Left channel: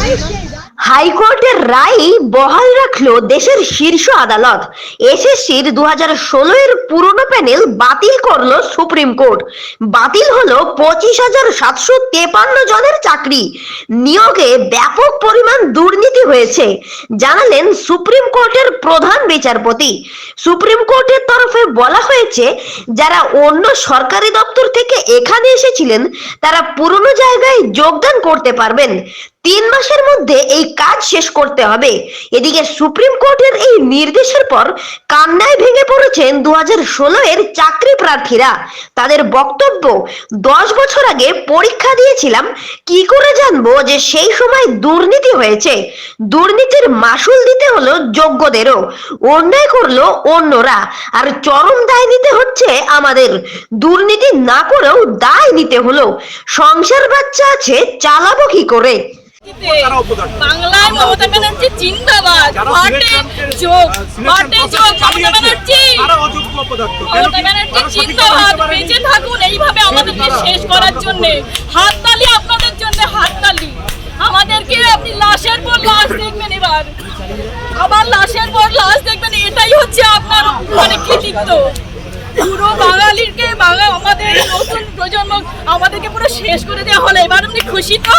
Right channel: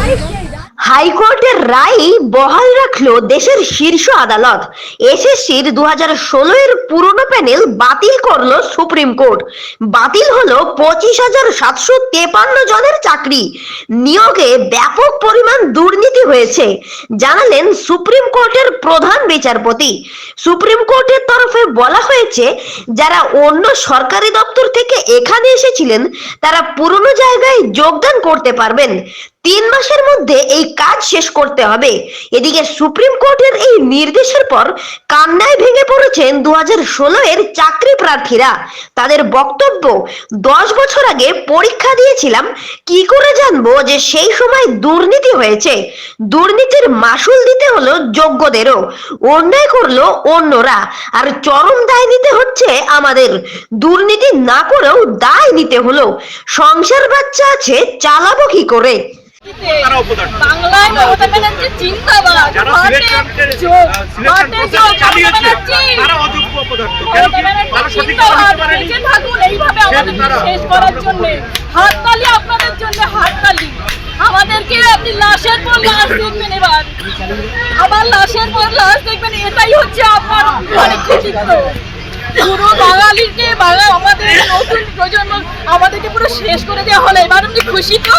Ai, que হাইকোর্টের রায় বহাল রাখল দেশের শীর্ষ আদালত। এসএসসির দু হাজার ষোলো এর পুরনো প্যানেল বাতিল করল সুপ্রিম কোর্ট। বাতিল হলো পঁচিশ হাজার সাতশো তেপান্ন জনের চাকরি। নিয়োগে ব্যাপক পরিমাণ দুর্নীতি হয়েছে, জানালেন সুপ্রিম কোর্টের প্রধান বিচারপতি। সুপ্রিম কোর্টের তরফে বলা হয়েছে, যারা অন্য সরকারি দপ্তর থেকে এখানে এসেছিলেন, তারা পুরনো জায়গায় যোগদান করতে পারবেন। তিন মাসের মধ্যে এই কাজ শেষ করতে হবে। এদিকে সুপ্রিম কোর্টের এই নির্দেশের পর কান্নায় ভেঙে পড়েছেন দু হাজার ষোলো এর চাকরি প্রার্থীরা। তাদের বক্তব্য, দশ বছর আগে পরীক্ষা দিয়েছিলাম, কি করে জানব যে সেই সময় দুর্নীতি হয়েছে? দুর্নীতির মাসুল দিতে হলো যোগ্যদেরও। অন্যায় করল অন্যরা। আর চরম দায় নিতে হচ্ছে আমাদের। দুর্নীতি না করেও দায় নিতে হলো। সংসার বাচ্চা আছে, চালাবো কি করে। বাংলায় মমতা ব্যানার্জি জিন্দাবাদ। থাকুন এইভাবে আমাদেরকে শেষ করার জন্য হাততালি আপনাদের জন্য হাততালি। আমাদেরকে আপনি লাশের পর লাশ দেখবেন এবার। আবার লাশের পর লাশ দেখবেন এটাই হচ্ছে আপনার অনেক কৃতিত্ব। পুরো বাঙালিকে বাঙাল আমাদের নতুন প্রজন্ম আমাদেরকে পুরো শেষ করে দেওয়া হলো। এবার আপনি খুশি তো?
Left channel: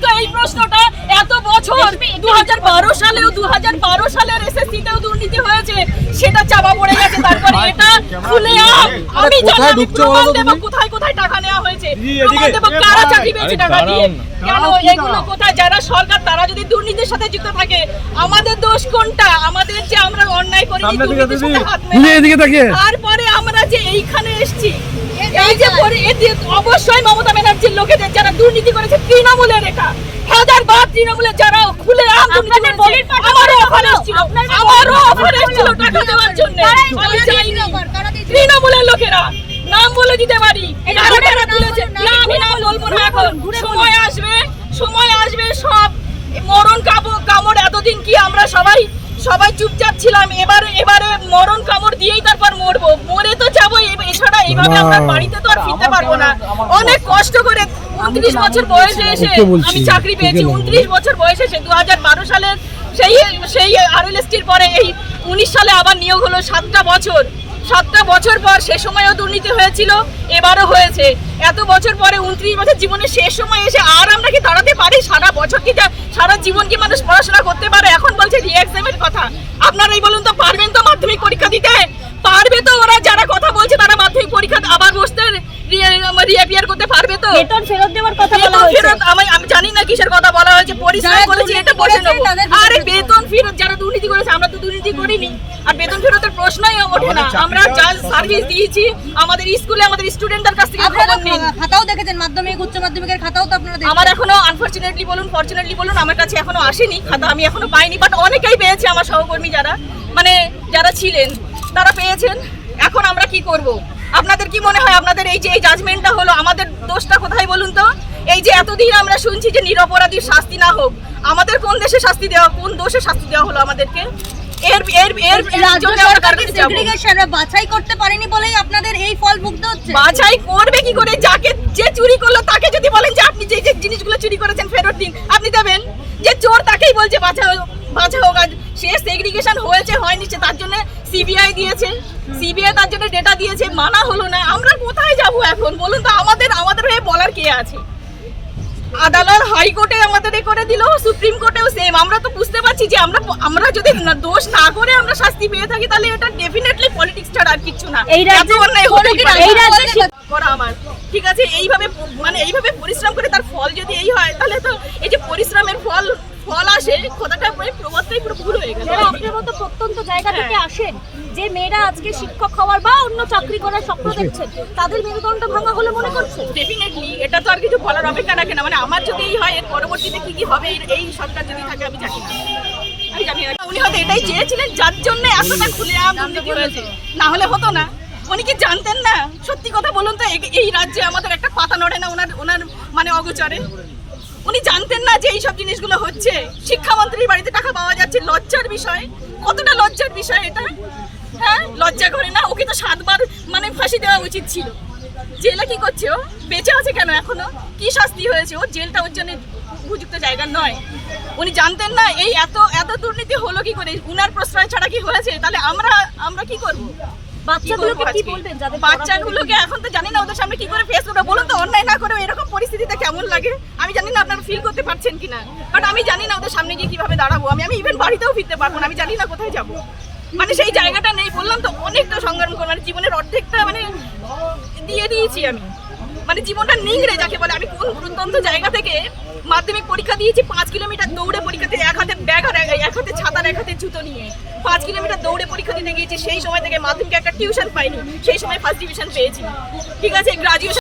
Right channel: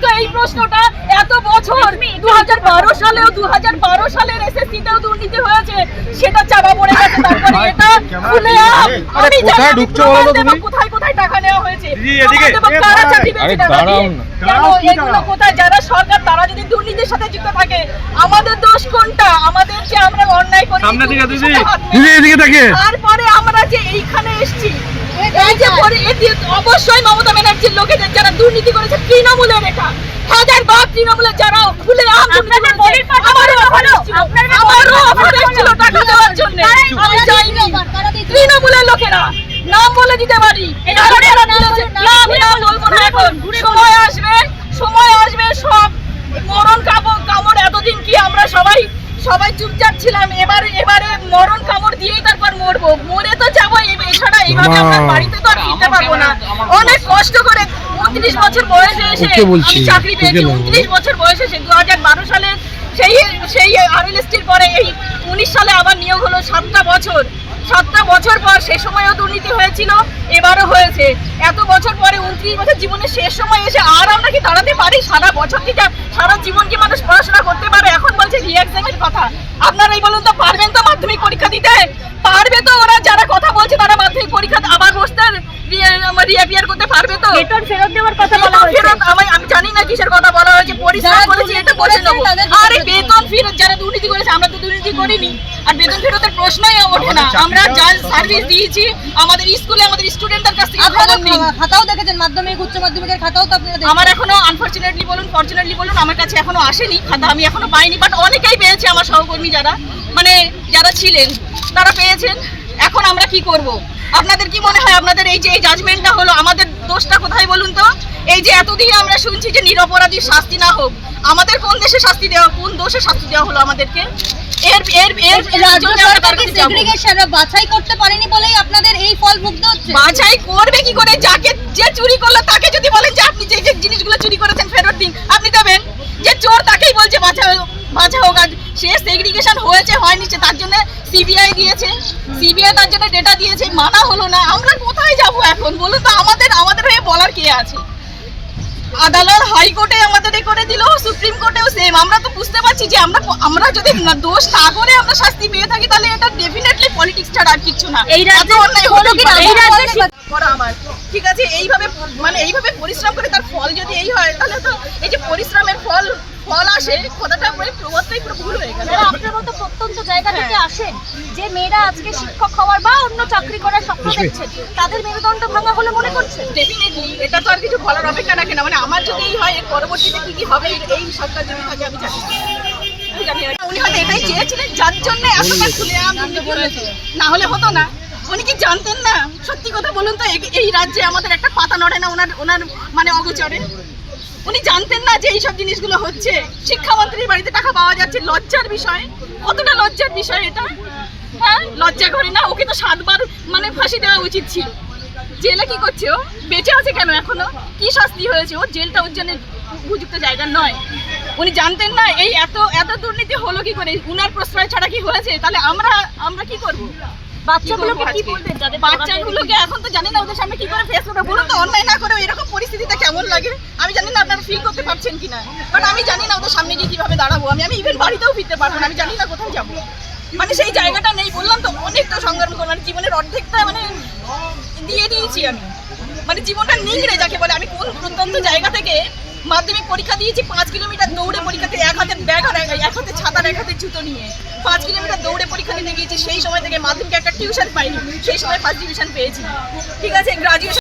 আসতো এই প্রশ্নটা এত বছর দু সালেও দু সালের এসএসসি তেও দুর্নীতি হয়েছে সেটা চাপা পড়ে গেছে তারপরে এটা খুলে আমি জানি কোথায় ঢুকছো বলো তুমি? কোথায় কোথায় টাকা নেওয়া হয়েছে? এদিকে। কারা চাকরি পেয়েছে টাকা দিয়ে? কেন এগুলো কোথায়? যারা সরকার তারা যদি দুর্নীতির সাথে যুক্ত থাকে আমাদের দোষ কোনটা? আমাদের যে আমরা অন্যায় করি তারপরে আমরা যে এইখানে এসেছি এই যে অবশ্যই মমতা ব্যানার্জির লোকেদের যারা দুর্নীতি করেছে তৃণমূলের এটা। হাজার বার তৃণমূলের যারা খুলে আম দুর্নীতি করেছে আমারও অফার এসেছিল। আমারও অফার এসেছিল টাকা দেওয়ার জন্য। আমি যাইনি। তৃণমূলের লোকেরা নাম বলে দিতে পারি। আমি নাম বলব না এখন। সময় আসবে সময় আসবে সব মরণ কামড় কামড় এতদিন কি আমরা সবাই চুপচাপ ছিলাম। এবারে এবারে মরণ কামড় দিয়েই তারপর মরবো। মরে তো যাব এছাড়া এইভাবে আপনার আমরা বাড়িতে তো আর ফিরতে পারব না। অনেক কষ্ট। করে উনত্রিশ বছর বয়সে এসে আমি চাকরি পেয়েছি। উনত্রিশ বছর বয়সে এসে দু হাজার বারো সালের সেই সেই আরএলএসটির পরে এই উনিশ সালে আবার নিয়োগ হলো সাতটা বছর। সাতটা বছর পর সে সময়ও দুর্নীতি হয়েছিল এবারও হয়েছে। এত বছর পরে উনত্রিশ বছর জীবনের শেষ সময় এসে আর আমরা কি দাঁড়াতে পারি? সারা বছর কি সারা জীবন কি মানুষ পড়াশোনা করতে পারে? এখন বলছে রিএক্সামের কথা। আপনারাই বলুন তো পারবেন তো মাধ্যমিক পরীক্ষা দিতে? পারবে তো ওরা যারা কথা বলছে তারা মাধ্যমিক পরীক্ষা আবার বসতে রিঅ্যাপিয়ার করতে পারবে তো? ফেরত দেওয়ার কথা বলা হয়েছে। ফেরত আমি আমি জানি না কিসের কথা বলা হয়েছে করেছি এটা বলে আরে বেতন ফেরত যারা দুর্নীতি করেছে আমরা তো দুর্নীতি করিনি। আর বেতন ফেরতের প্রশ্নই ওঠে না। আমরা যা সার্ভিস দিয়েছি আমাদের স্কুলে আমাদের স্টুডেন্টদের কাছ থেকে খবর নিন। খাতাও দেখেছেন মাধ্যমিক উচ্চ মাধ্যমিকের খাতাও তো আপনারা আমার এখনও আনফরচুনেটলি বলুন ফরচুনেটলি বলুন আমার কাছে এখনও আসেনি খাতা আমি এখনও পাইনি বাট অনেকেই পেয়েছে আমার সহকর্মী যারা। মানে যারা ছিলেন তারা পেয়েছেন। এখন আমরা কি করব? আপনাদের কি মনে হয় আপনাদের এই যে এই জাজমেন্টটা হলো আমাদের দোষটা কোথায় বলুন তো? এই যে এতদিন আমরা শুনছি যে নিরপরাধীর শাস্তি না হোক আমাদের কোন দেশে শাস্তি দেওয়া কোন দোষে শাস্তি দেওয়া হলো আমাদেরকে? এর এর এর এর রাজ্য আমরা সরকার কি যাব? সেগ্রিগেশন বাছাই করতে পারেনি বলেই আপনাদের এই ফল ভুগতে হচ্ছে? বাছাই করবে কি করে? যাকে যে চুরি করল তাকে যদি বলেন যে আপনি যে যে জিনিসগুলো চুরি করেছেন ফেরত দিন। আপনি দেবেন? যে চোর তাকেই বলছে বাছা হোক আর সে সেগ্রিগেশন হয়েছে হয়নি সে তার জন্য সিবিআই দিয়েছে। সিবিআই তার জন্য ডেটা দিয়েছে। মানা হলো না। আমরা কোথায় যাব এখন? বলুন তো আমাদের আমাদের হয়ে বলার কে আছে? আদালত হাইকোর্টে আমাদের এ করে দিল সুপ্রিম কোর্টেও সেম আমরা তো বুঝতে পারছি যে আমরা আমরা যদি না- দোষ না করে আমরা শাস্তি পেয়ে থাকি তাহলে এটা ডেফিনেটলি পলিটিক্স ছাড়া আর কিছু না। এই রাজ্যে অন্যায় হলো কি করা আমার। ঠিক আছে এইভাবে মানে এইভাবে পরিশ্রম করে তার ফল যদি এই হয় তাহলে তো এই যে পরিশ্রমের ফল ফল আসে কথাটা পুরো প্রবাদটাই পুরো ভুল হয়ে যারা আপনার মতো প্রত্যন্ত জায়গা থেকে আসেন যে মেয়েরা আজকে শিক্ষক হওয়ার বা অন্য চাকরি করার স্বপ্ন দেখছেন তাদের মেরুদণ্ড ভাঙা হলে মনে করছেন? ডেফিনেটলি এটা তো আর কিছু বলার অপেক্ষা রাখে না। মানে আমার যদি এই হয় এর পরবর্তীতে কি কি হবে এই- সরকার যদি থাকে আমি জানি উনি হয়তো এটাই চেয়েছিলেন যার জন্য এতটা খুলে না হলে হতো না। উনি কি জানতেন না? সত্যি কথা বলুন তো এই- এই রাজ্যে আমাদের একটা পাতা নড়ে না ওনার ওনার মানে অগোচরে? উনি জানতেন না যে এইসব জিনিসগুলো হচ্ছে। শিক্ষামন্ত্রীর বাড়িতে টাকা পাওয়া যাচ্ছে, লজ্জার বিষয়। কতটা লজ্জার বিষয় এটা? হ্যাঁ লজ্জা করে না? ওকে তো সাতবার মানে ফাঁসি দেওয়া উচিত ছিল। জেলে কি করছে ও? বেঁচে আছে কেন এখনও? কি শাস্তি হয়েছে? ও জেলটা ওর জন্য উপযুক্ত জায়গা নয়। উনি জানতেন না, এই এত এত দুর্নীতি হলো কি করে? উনার প্রশ্রয় ছাড়া কি হয়েছে? তাহলে আমরা আমরা কি করব? বাচ্চাগুলোকে কি বলবেন যাদের বাচ্চাগুলোকে এখন তো জানি না ওদের সামনে কি করে ফেস করবে। বলুন তো অন্যায় না করে এরকম পরিস্থিতিতে কেমন লাগে? আমি জানি না আপনারা ফিল করতে পারছেন কিনা। বাট আমি জানি না ওদের সামনে গিয়ে কীভাবে দাঁড়াবো। আমি আমি ইভেন বাড়িতেও ফিরতে পারব না। আমি জানি না কোথায় যাব। মানে সেই জায়গাটা নেই। বললাম তো অনেকটা সংগ্রাম করলাম মানে জীবনের অর্ধেকটা মানে দিয়ে দিয়েছি আমি। মানে জীবনটা নিংড়ে যাকে বলে। আমি কোন প্রত্যন্ত জায়গা থেকে মাধ্যমিক পরীক্ষা দিয়েছি, পাঁচ কিলোমিটার দৌড়ে পরীক্ষাতে এক হাতে ব্যাগ আর এক হাতে ছাতার এক হাতে জুতো নিয়ে। পাঁচ কিলোমিটার দৌড়ে পরীক্ষা দিতে গিয়েছি, সেই সময় থেকে মাধ্যমিক একটা টিউশন পাইনি, সেই সময় ফার্স্ট ডিভিশন পেয়েছি। ঠিক আছে গ্রাজুয়েশন